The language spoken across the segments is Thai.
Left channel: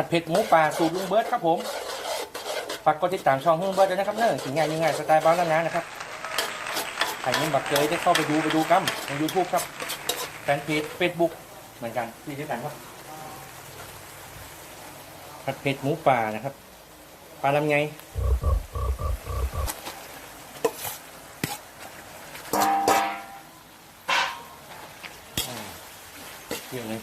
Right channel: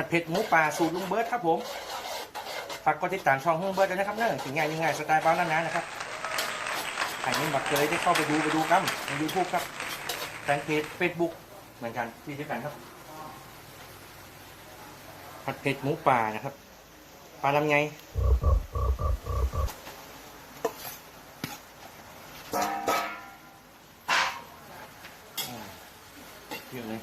ัดเผ็ดหมูป่าสูตรลุงเบิร์ดครับผมฝากกดติดตามช่องลุงเบิร์ดด้วยนะครับเนอะถึงงานยังไงสไตล์บ้านนานะครับอันนี้บักเจยได้เข้าไปดูไปดูกันในยูทูบครับแฟนเพจเฟซบุ๊กเหมือนกันที่ที่กันครับผัดเผ็ดหมูป่านะครับปลาลำไงเรื่องเลย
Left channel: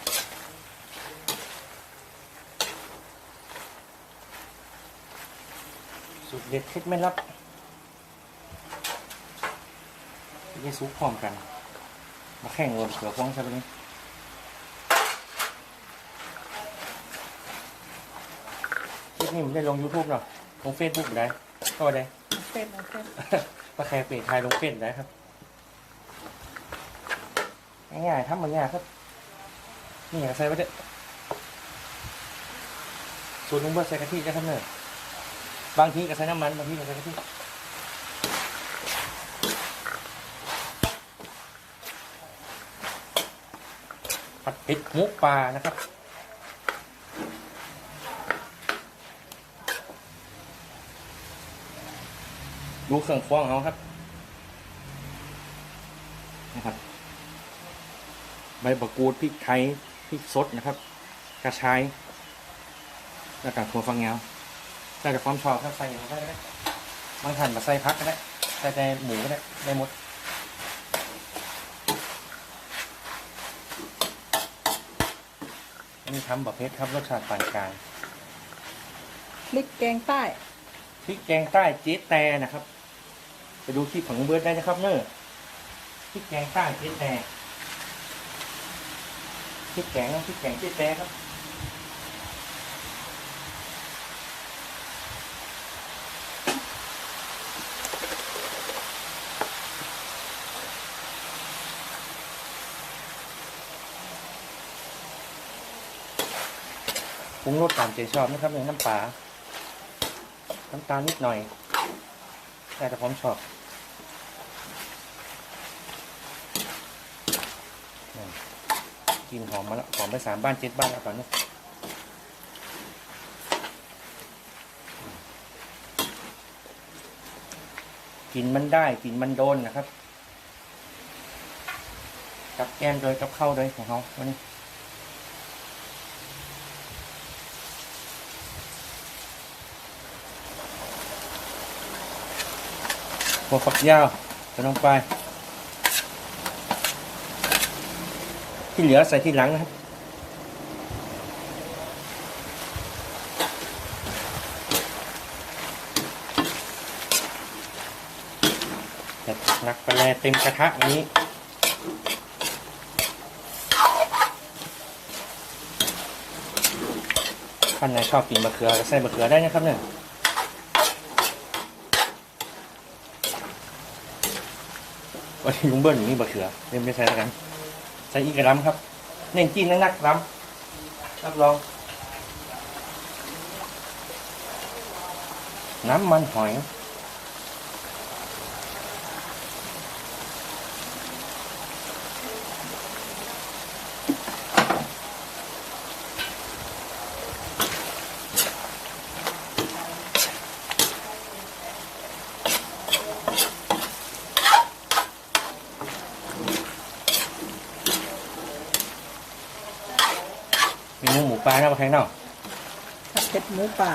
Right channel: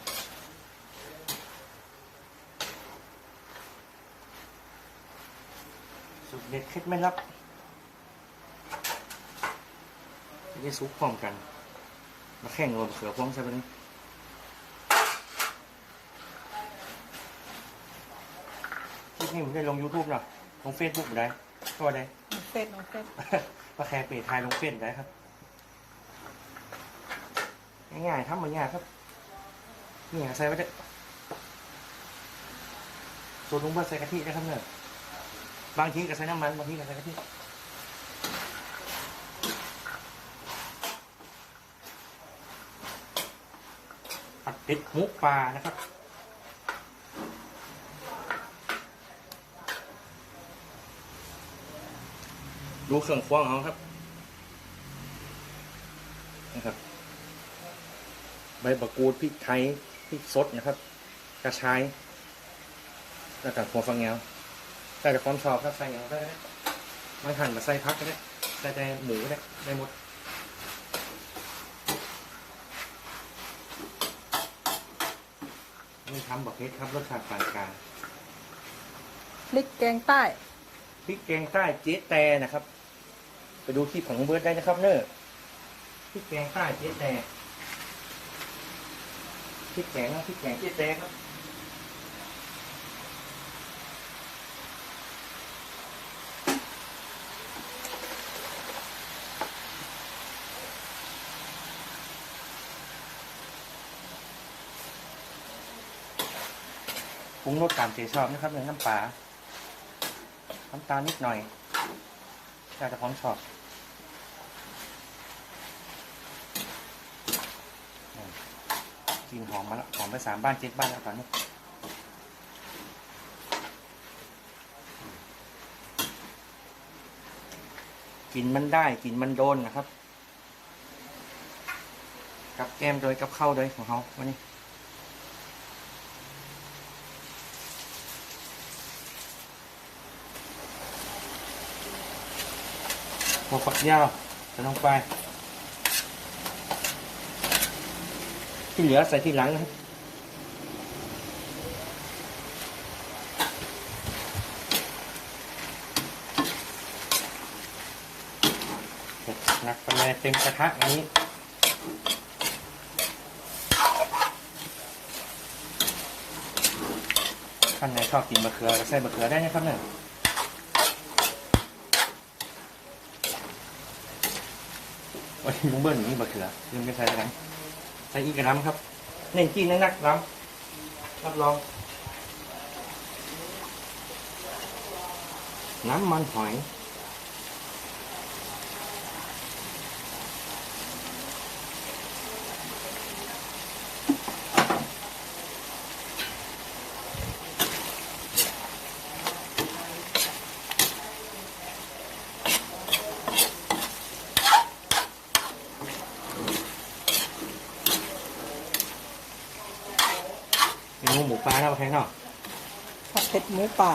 สูตร เด็ดเคล็ดไม่ลับได้ซุปพร้อมกัน มาแข่งโรนเสือพร้องซะเลยคลิปนี้ผมได้ลง YouTube หรอลงเฟซบุ๊กได้ก็ได้เส้นเอาเส้นถ้าใครเปลี่ยนไทยลงเฟซได้ครับง่ายๆครับมันง่ายครับ นี่อย่างใส่ไว้เด้อสูตรลุงเบิร์ดใส่กะทินะครับเนี่ย บางทีก็ใส่น้ำมัน บางทีก็ใส่กะทิผัดเผ็ดหมูปลานะครับดูเครื่องควงเขาครับนะครับ ใบมะกูดพริกไทยพริกสดนะครับ กระชายแล้วก็ถั่วฝักยา ใส่แต่ความชอบครับใส่แหนวก็ได้บางท่านมาใส่พักก็ได้ใส่แต่หมูก็ได้ได้หมดอันนี้ทำแบบเพชรครับรสชาติปานกลางพริกแกงใต้พริกแกงใต้เจ๊แต่นะครับ ไปดูคลิปของเบิร์ดได้นะครับเนอะพริกแกงใต้เจ๊แต่พริกแกงพริกแกงเจ๊แต่ครับ รุงรสตามใจชอบนะครับอย่างน้ำปลาน้ำตาลนิดหน่อยแต่แต่ผมชอบกลินหอมมาแล้วหอมไปสามบ้านเจ็ดบ้านแล้วตอนนี้กลินมันได้กลินมันโดนนะครับ กับแก้มโดยกับข้าวโดยของเขาวันนี้ หัวฝักยาวใส่ลงไปที่เหลือใส่ที่หลังนะครับเผ็ดนักกระแลเต็มกระทะอันนี้ท่านไหนชอบกินมะเขือก็ใส่มะเขือได้นะครับเนี่ย วันนี้ลุงเบิ้ลอย่างนี้บะเขือเล่นไม่ใช่แล้วกันใส่อีกกระลำครับ เน่นกินนักๆลำรับรอง น้ำมันหอย มีหมูหมูปลาหน้ามาแทงนอกผัดเผ็ดหมูป่า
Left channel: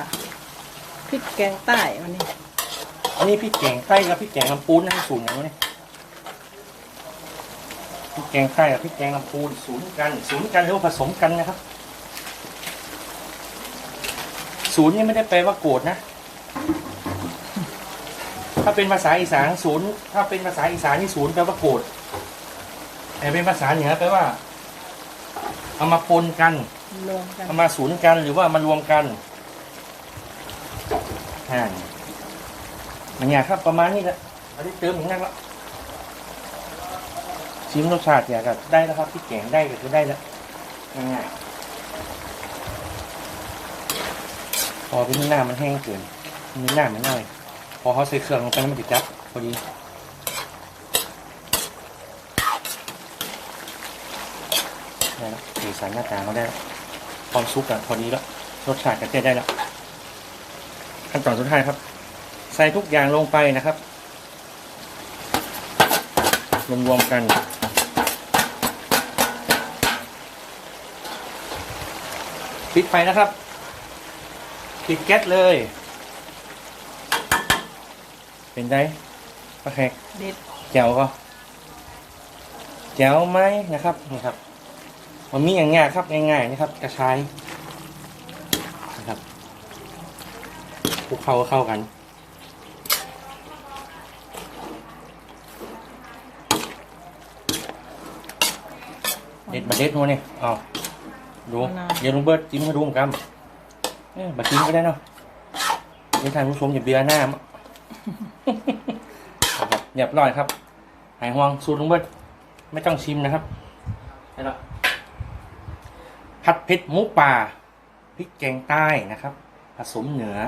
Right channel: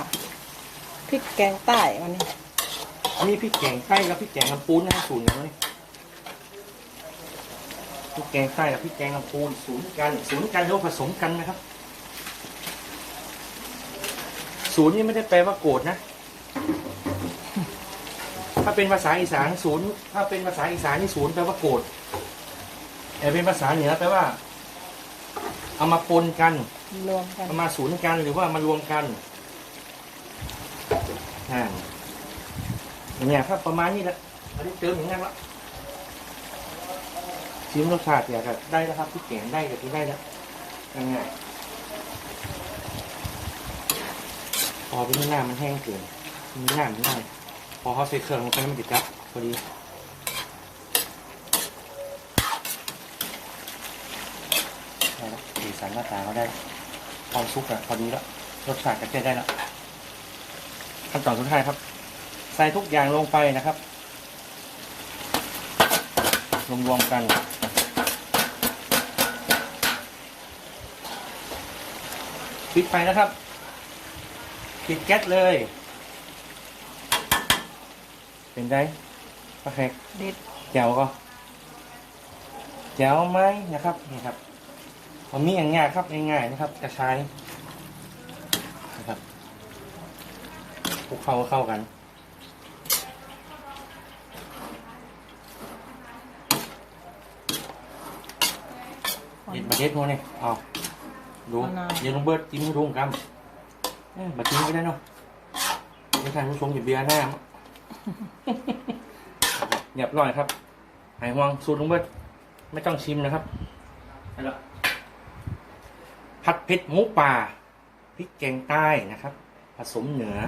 พริกแกงใต้วันนี้อันนี้พริกแกงใต้กับพริกแกงลำปูนนะสูตรอย่างนี้พริกแกงใต้กับพริกแกงลำปูนศูนย์กันศูนย์กันหรือว่าผสมกันนะครับศูนย์นี่ไม่ได้แปลว่าโกรธนะ ถ้าเป็นภาษาอีสานศูนย์ ถ้าเป็นภาษาอีสานนี่ศูนย์แปลว่าโกรธ แต่เป็นภาษาเหนือแปลว่า เอามาปนกัน รวมกันเอามาศูนย์กันหรือว่ามารวมกันอ่าอย่างเงี้ยครับประมาณนี้แหละอันนี้เติมอย่างนั้นละชิมรสชาติเนี่ยครับได้แล้วครับที่แกงได้ก็คือได้แล้วง่ายๆพอเป็นหน้ามันแห้งเกินมีหน้ามันน้อยพอเขาใส่เครื่องลงไปมันติดจับพอดีเอาละสีสันหน้าตาเขาได้ แล้วความซุปอะพอดีแล้วรสชาติก็ใช้ได้แล้วขั้นตอนสุดท้ายครับ ใส่ทุกอย่างลงไปนะครับรวมๆกันปิดไฟนะครับปิดแก๊สเลย เป็นไงปลาแขกเด็ดแจ๋วก็แจ๋วไหมนะครับนี่ครับ มันมีอย่างง่ายครับง่ายๆนะครับกระชายนะครับคลุกเข้าเข้ากันเด็ดมาเด็ดมัวเนี่ยเอาดูเดี๋ยวลุงเบิร์ตจิ้มให้ดูเหมือนกันเอ๊ะมาจิ้มก็ได้เนาะไม่ทานผู้ชมอย่าเบียร์หน้านะครับเรียบร้อยครับหายห่วงสูตรลุงเบิร์ตไม่ต้องชิมนะครับได้แล้ว ผัดเผ็ดหมูป่าพริกแกงใต้นะครับ ผสมเหนือ